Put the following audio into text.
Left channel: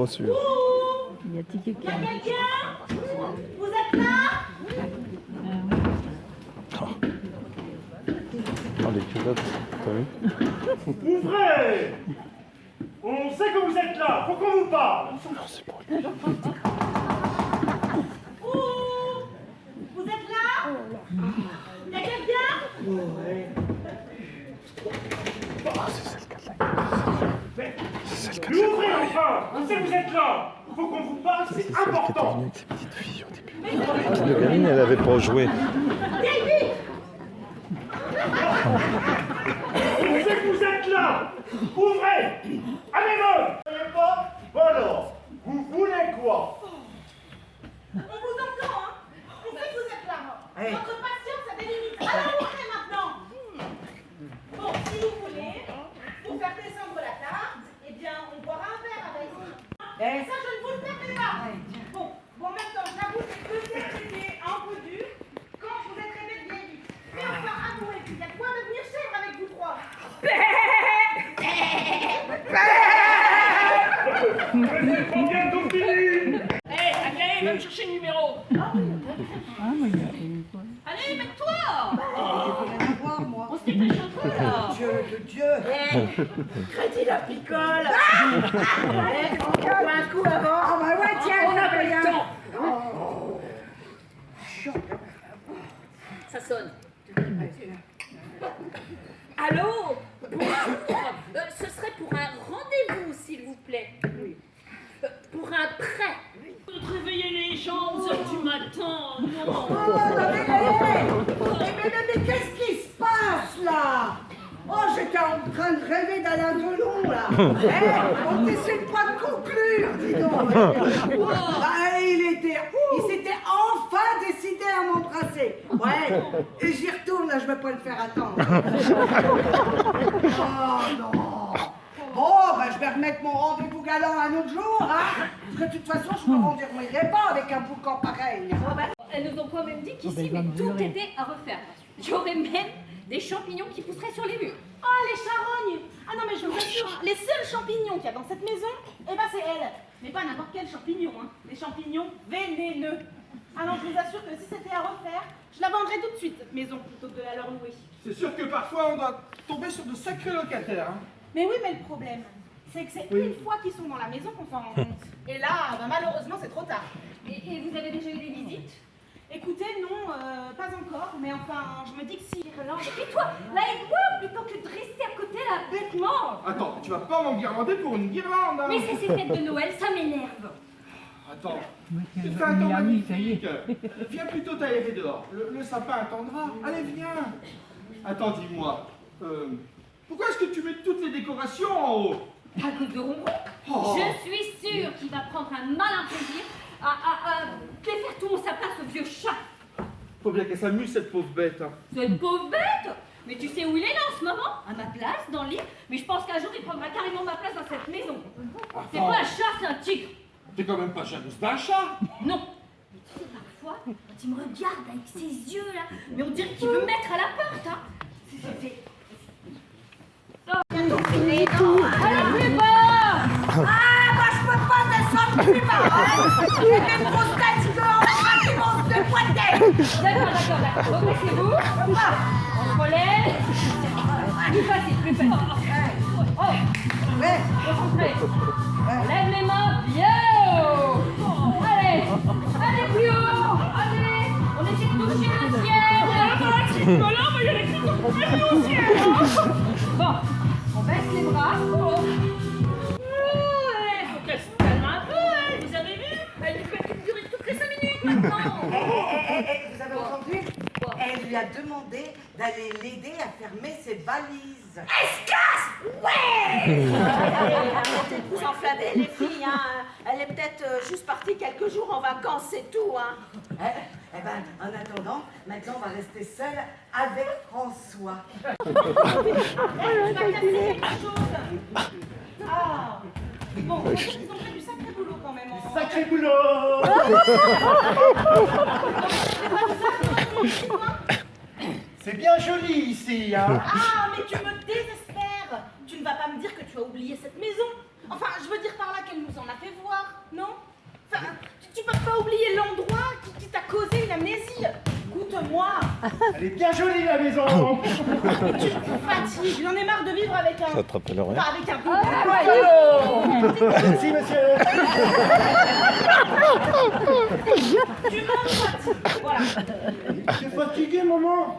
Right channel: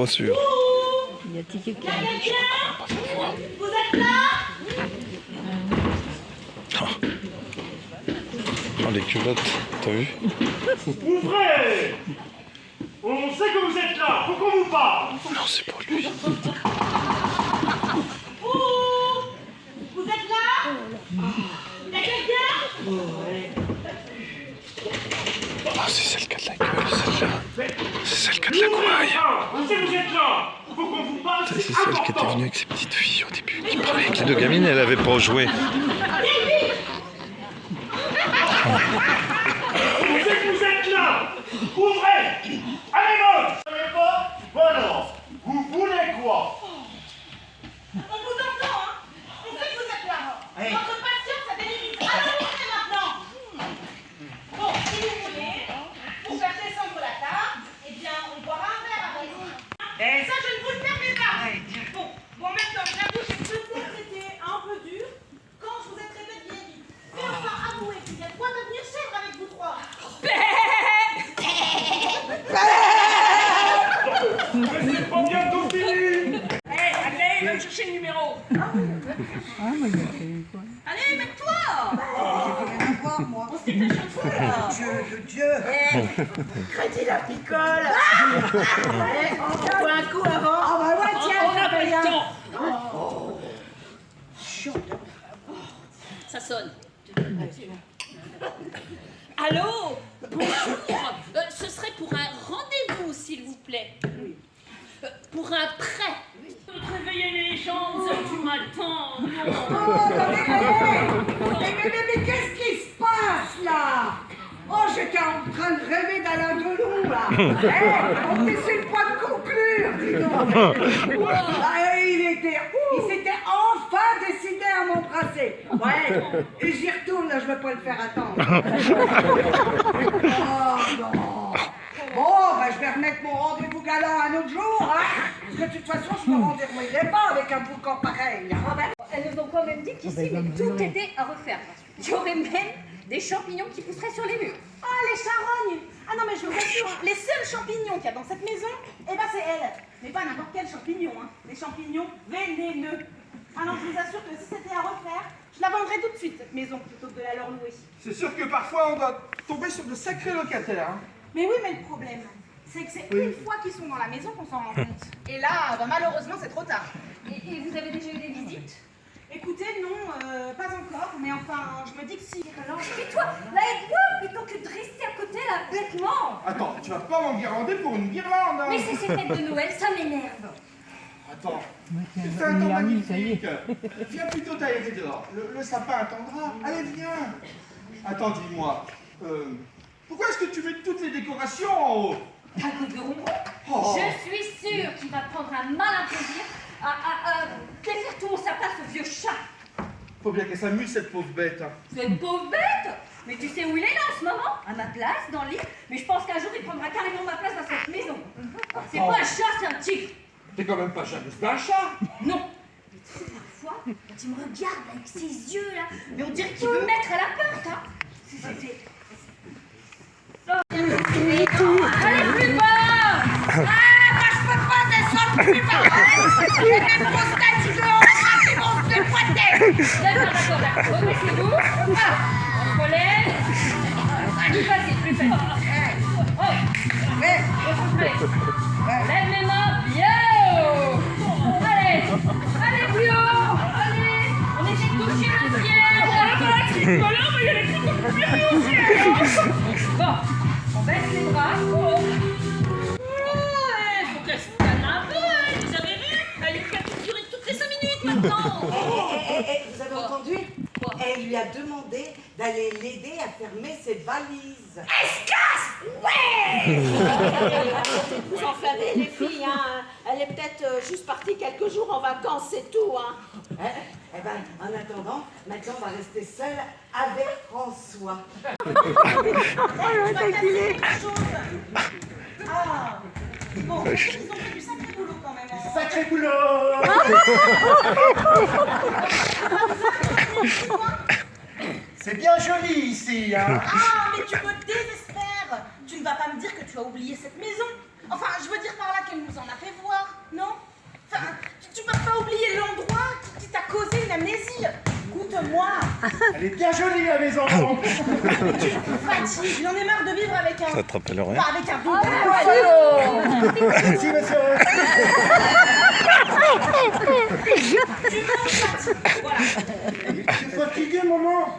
pas sûr. Il y a Tiki qui Vous êtes là? Oh, les culottes, t'as vu? Ouvrez! On sait que vous êtes là, faut qu'on vous parle! Non, c'est pas lui. Vous êtes là? Il y a quelqu'un? Oh, c'est celle qui a de la gueule, celle-là. C'est celle qui a de la gouaille. On sait que vous êtes là, faut qu'on vous parle, C'est c'est celle qui était important! venue avec ses petites filles au début. Qui parlait avec les deux gamines, elle avait pas joué. On sait que vous êtes là! Ouvrez! À la gauche! Vous savez pas? Bon alors, vous voulez quoi? On vous entend, hein? On sait que vous êtes là. Hey. Votre patience a des limites. Allez maintenant. Bon, si vous voulez, pour faire descendre la table, eh bien, on boira un verre avec vous. Hey. Ça, je ne vous le permets pas. Hey, tiens. Bon, maintenant, j'avoue que peut-être c'était un peu dur quand je vous ai traité de vieille vie. Mais enfin, avouez qu'il y a de quoi devenir chèvre avec vous trois. Mais c'est trop bientôt fini! Hé, Aglaé, va me chercher le numéro. Ah, moi, il y a fait quoi? Allez, mets-toi. Rien à voir, moi. On se dit que t'as changé, là. Dieu de Dieu. Crédit la picole. Allez, on boit un coup avant. Ah bah ouais, tiens, On n'a pas le temps. Ça sonne. Allô? Bonjour. Ce serait pour un rendez-vous, s'il vous plaît. Pour un prêt. Réveiller les gens aux heures du matin. Oh, mais qu'est-ce qui se passe là? Oh, j'étais en train de rêver d'Alain Delon là. On n'essaie pas de conclure, dis donc. Il s'était enfin décidé à m'embrasser. Ouais, et j'y retourne là, je vais pas le faire attendre. Oh non. Bon, bah je vais remettre mon rendez-vous galant un autre jour, hein. Parce que de toute façon, je me rendrai pas avec un boucan pareil. Elles nous ont quand même dit qu'ici, tout était à refaire. Il y aurait même des champignons qui pousseraient sur les murs. Ah, les charognes. Ah non, mais je vous assure, les seuls champignons qu'il y a dans cette maison, eh ben c'est elle. Mais pas n'importe quel champignon, hein. Des champignons vénéneux. Ah non, je vous assure que si c'était à refaire, je la vendrais tout de suite, cette maison, plutôt que de la leur louer. C'est sûr que parfois on doit tomber sur de sacrés locataires. Hein. Mais oui, mais le problème, c'est que c'est une fois qu'ils sont dans la maison qu'on s'en rend compte. Et là, bah, malheureusement, c'est trop tard. Et vous avez déjà eu des visites? Écoutez, non, pas encore, mais enfin, je me dis que si. Et toi, là, aide-moi plutôt que de rester à côté, là, bêtement. Attends, tu vas pas m'enguirlander pour une guirlande. Hein. Mais c'est ces fêtes de Noël, ça m'énerve. Attends, c'est c'est un temps Miami, ça y est. magnifique. Viens plutôt tailler dehors. Le sapin attendra. Allez, viens. Attends, dis-moi. Pourquoi est-ce que tu mets toutes les décorations en haut? À cause de Ronron, Oh. je suis sûre qu'il va prendre un malin plaisir à défaire tout mon sapin, ce vieux chat. Faut bien qu'elle s'amuse, cette pauvre bête. Hein. Cette pauvre bête. Mais tu sais où il est là en ce moment? À ma place, dans le lit. Mais je pense qu'un jour il prendra carrément ma place dans cette maison. C'est pas un chat, c'est un tigre. T'es quand même pas jalouse d'un chat. Non. Mais tu sais, parfois, quand il me regarde avec ses yeux là, mais on dirait qu'il veut me mettre à la porte, hein. Oh, allez, plus bas. Ah, moi je peux pas descendre plus bas. J'ai une grosse tête, je dois en frapper mon de poitrine. D'accord. Rebaissez-vous. On se relève. Plus facile. Oh, Ouais. soufflez. Lève les mains bien haut. Allez, plus haut. Allez, on essaie de toucher le ciel. Bon, on baisse les bras. Faut qu'elle se calme un peu, hein. Vous avez vu? Elle est capable de durer toutes les 5 minutes maintenant. Vous avez entendu? Elle lui a demandé d'aller l'aider à fermer ses valises. Escasse! Ouais! Arrêtez de vous enflammer, les filles, hein. Elle est peut-être juste partie quelques jours en vacances, c'est tout, hein. Eh ben, en attendant, maintenant on va rester seul avec François. Je dois casser quelque chose. Ah! Bon, ils ont fait du sacré boulot quand même. Hein. Sacré boulot! C'est bien joli ici, hein? Ah, mais tu me désespères! Tu ne vas pas me dire que tu as oublié cette maison! Enfin, je veux dire par là qu'elle nous en a fait voir, non? Enfin, tu peux pas oublier l'endroit qui t'a causé une amnésie. Écoute-moi. Elle est bien jolie la maison. Mais tu me fatigues. J'en ai marre de vivre avec un... Ça te rappelle rien? Enfin, avec un double. Merci monsieur. Tu me fatigues. Voilà. Je suis fatigué maman.